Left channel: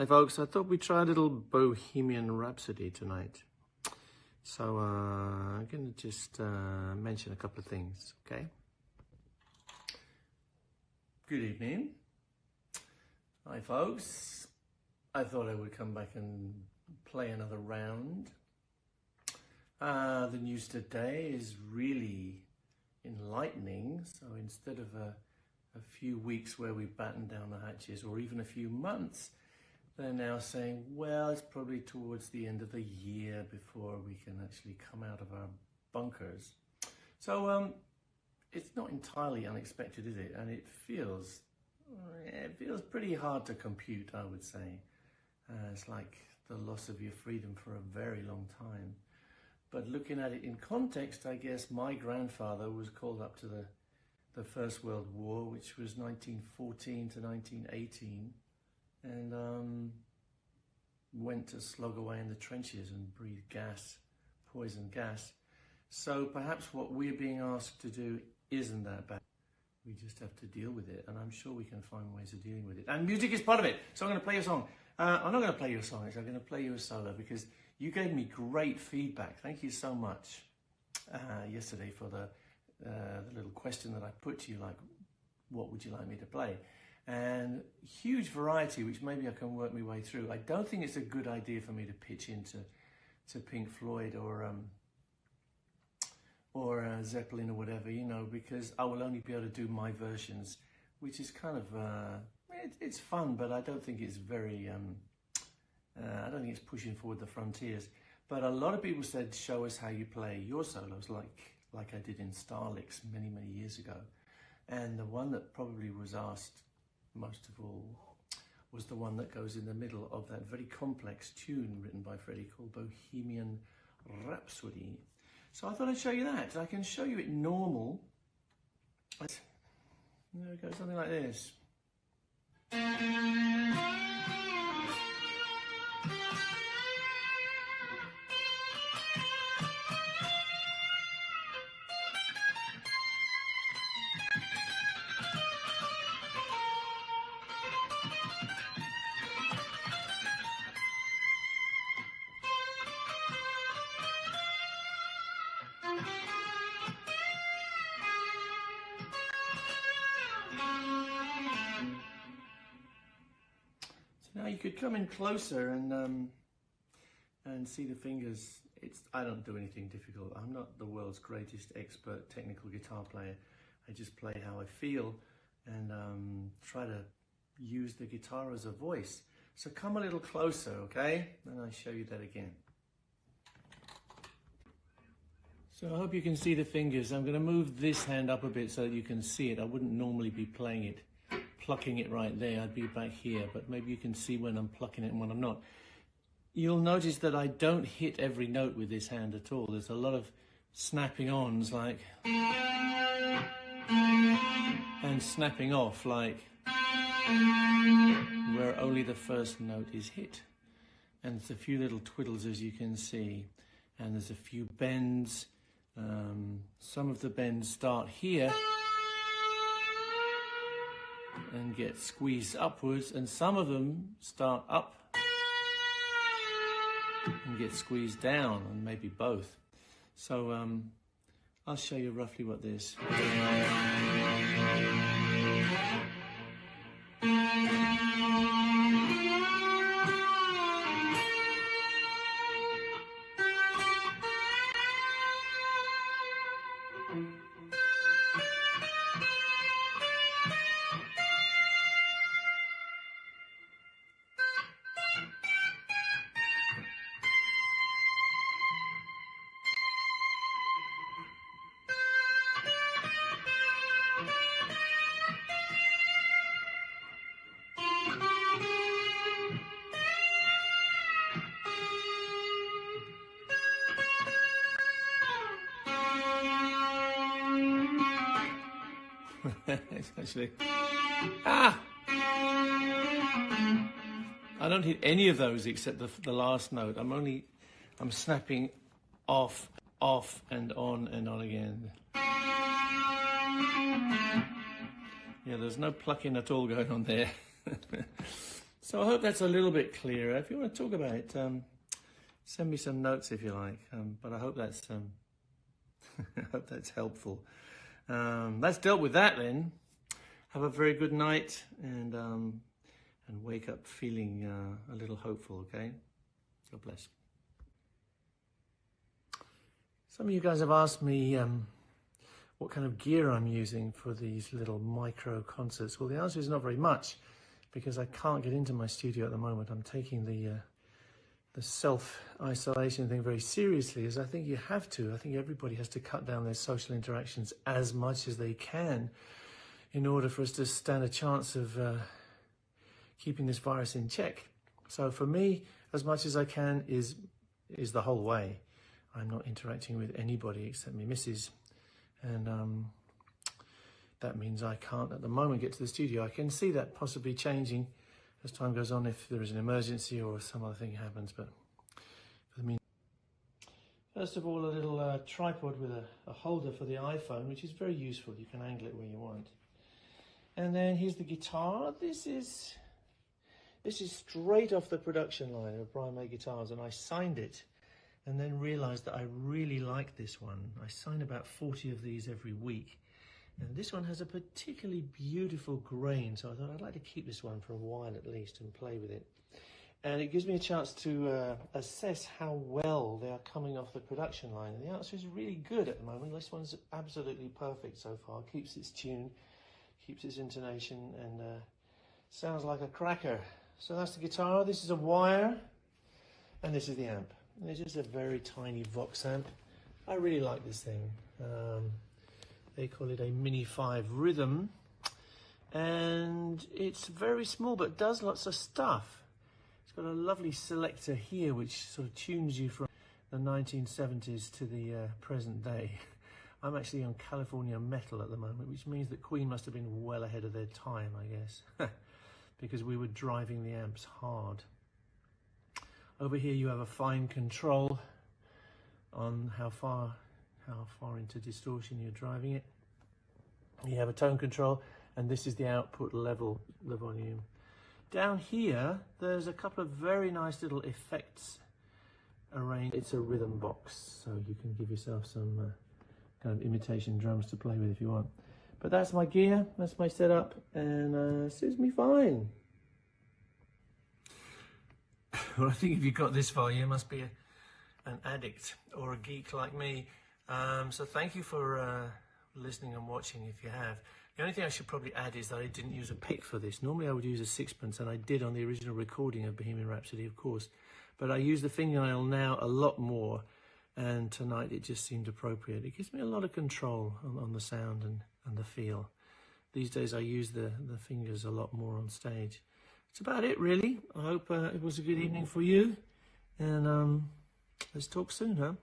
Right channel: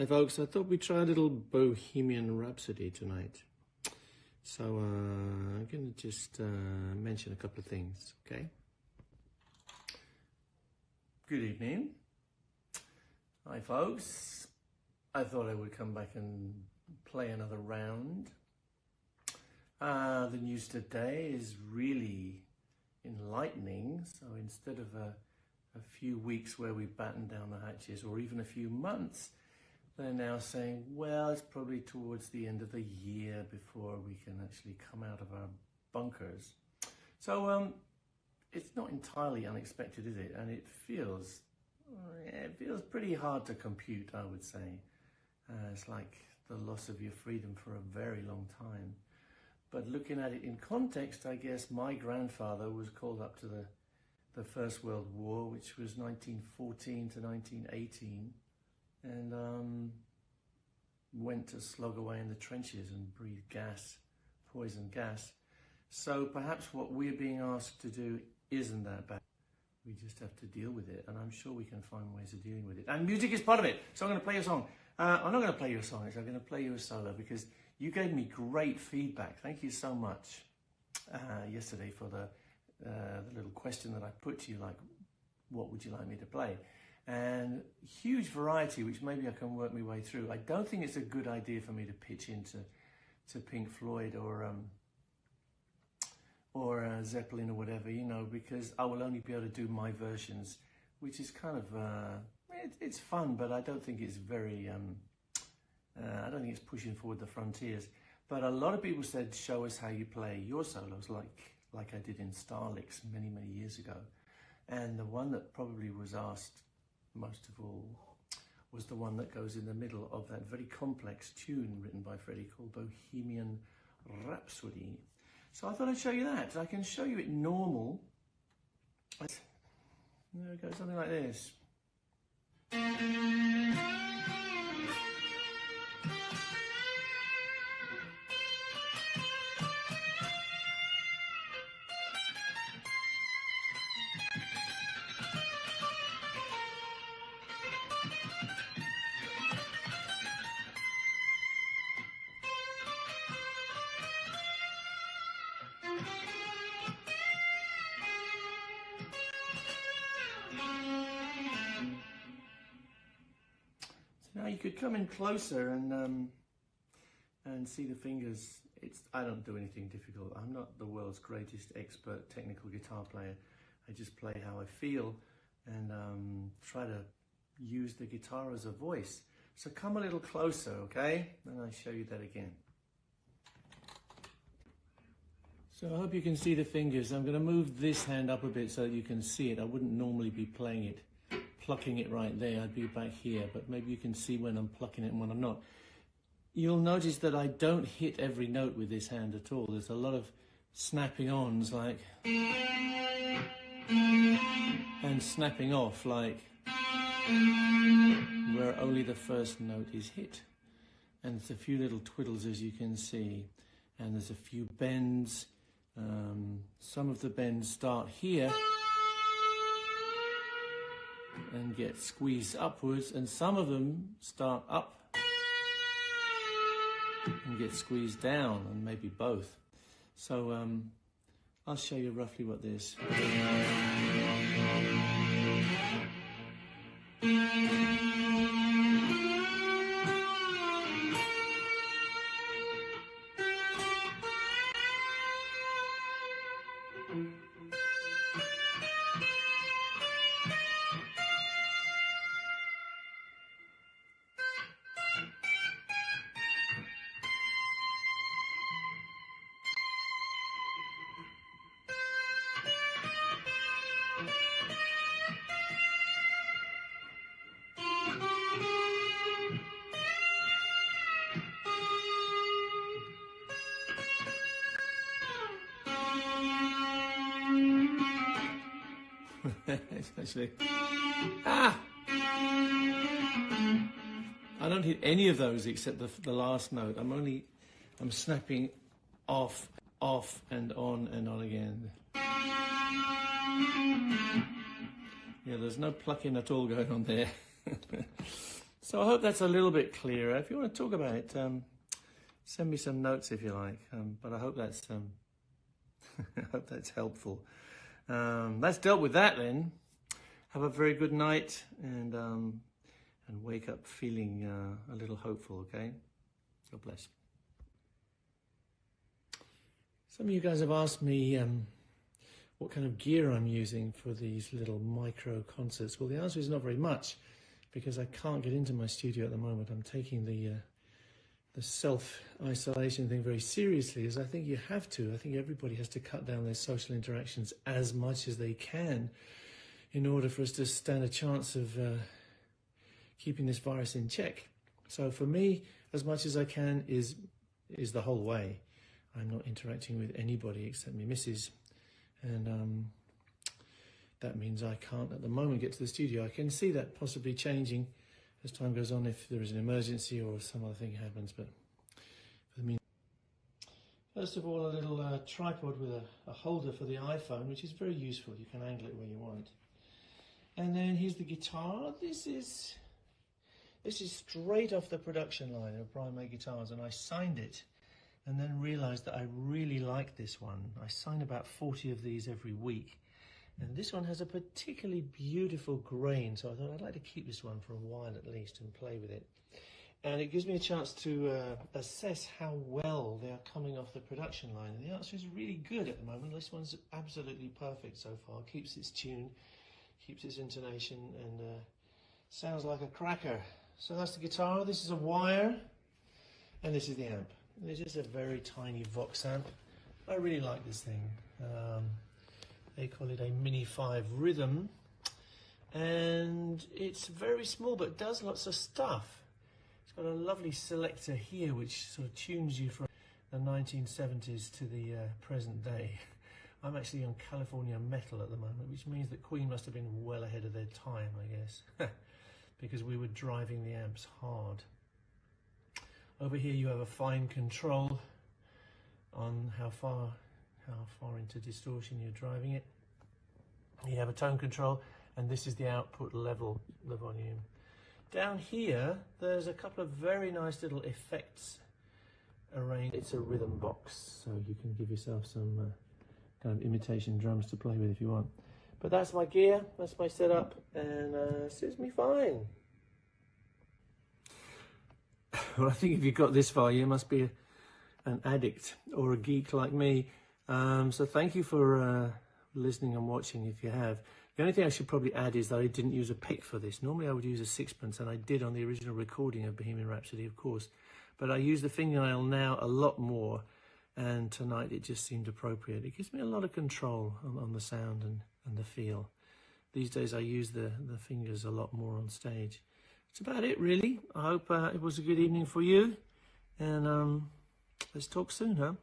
Hi folks, I thought we'd try a little Bohemian Rhapsody tonight. So I'm going to just mention a couple of things, okay? Good evening. Hi folks. I thought I would come back and play another round. The news today is really enlightening. So instead of a few weeks where we batten down the hatches, or even a few months, they're now saying, well, it's probably towards the end of the year before we can actually come out of our bunkers. So it's not entirely unexpected, is it? And it feels pretty hard to compute, I would say. It's like the loss of your freedom for a very long time. But looking at it in context, I guess my grandfather was called up to the First World War, which was 1914 to 1918. And went to slog away in the trenches and breathe gas, poison gas. So perhaps what we're being asked to do isn't that bad. We just have to deal with it, and I'm sure we can find ways of dealing with it. And music is part of it, so I'm going to play a song. I'm not going to play you a song, I'm going to play you a solo, because you gave me great feedback. Thank you so much yesterday for the little question that I put to you, like, what would you like me to play? And huge variety, which maybe I can work my way through. I don't think it's a good idea for me to pitch into Pink Floyd or Zeppelin or whatever, you know, because I will only be able to do my versions, which is kind of it's fun, but I don't think it's very I don't think it's pushing forward the frontiers. But a lot of people said, show us how you play your solos, like I did in Starlix many years ago. And the one that probably was asked most of all was the one that goes in the middle of that very complex tune written by Freddie called Bohemian Rhapsody. So I thought I'd show you that. I can show you it normal. There we go, something like this. Now you could come in closer and see the fingers. I don't do anything difficult. I'm not the world's greatest expert technical guitar player. I just play how I feel and try to use the guitar as a voice. So come a little closer, okay? And I'll show you that again. So I hope you can see the fingers. I'm going to move this hand up a bit so that you can see it. I wouldn't normally be playing it, plucking it right there. I'd be back here, but maybe you can see when I'm plucking it and when I'm not. You'll notice that I don't hit every note with this hand at all. There's a lot of snapping ons, like, and snapping off, like, where only the first note is hit. And there's a few little twiddles, as you can see, and there's a few bends. Some of the bends start here and get squeezed upwards, and some of them start up and get squeezed down, and maybe both. So I'll show you roughly what this. Actually, I don't hit any of those except the last note. I'm snapping off, and on again. Yeah, there's no plucking at all going on there. So I hope that's a little bit clearer. If you want to talk about it, send me some notes if you like. But I hope that's I hope that's helpful. That's dealt with that then. Have a very good night and wake up feeling a little hopeful, okay? God bless. Some of you guys have asked me what kind of gear I'm using for these little micro concerts. Well, the answer is not very much, because I can't get into my studio at the moment. I'm taking the self-isolation thing very seriously, as I think you have to. I think everybody has to cut down their social interactions as much as they can in order for us to stand a chance of keeping this virus in check. So for me, as much as I can is the whole way. I'm not interacting with anybody except my missus, and that means I can't at the moment get to the studio. I can see that possibly changing as time goes on if there is an emergency or some other thing happens, but for the meantime. First of all, a little tripod with a holder for the iPhone, which is very useful. You can angle it where you want. And then here's the guitar. This is straight off the production line of Brian May Guitars, and I signed it and then realized that I really like this one. I sign about 40 of these every week, and this one has a particularly beautiful grain, so I thought I'd like to keep this one for a while at least and play with it. And it gives me a chance to assess how well they are coming off the production line, and the answer is really good at the moment. This one's absolutely perfect so far. Keeps its tune, keeps its intonation, and sounds like a cracker. So that's the guitar, this is a wire, and this is the amp. This is a very tiny Vox amp. I really like this thing. They call it a Mini 5 Rhythm, and it's very small but does lots of stuff. It's got a lovely selector here which sort of tunes you from the 1970s to the present day. I'm actually on California metal at the moment, which means that Queen must have been well ahead of their time, I guess, because we were driving the amps hard. Over here you have a fine control on how far into distortion you're driving it. You have a tone control, and this is the output level, the volume. Down here there's a couple of very nice little effects arranged. It's a rhythm box, so you can give yourself some kind of imitation drums to play with if you want. But that's my gear, that's my setup, and suits me fine. Well, I think if you got this far, you must be an addict or a geek like me. So thank you for listening and watching if you have. The only thing I should probably add is that I didn't use a pick for this. Normally I would use a sixpence, and I did on the original recording of Bohemian Rhapsody, of course. But I use the fingernail now a lot more, and tonight it just seemed appropriate. It gives me a lot of control on the sound and the feel. These days I use the fingers a lot more on stage. That's about it, really. I hope it was a good evening for you, and let's talk soon, huh?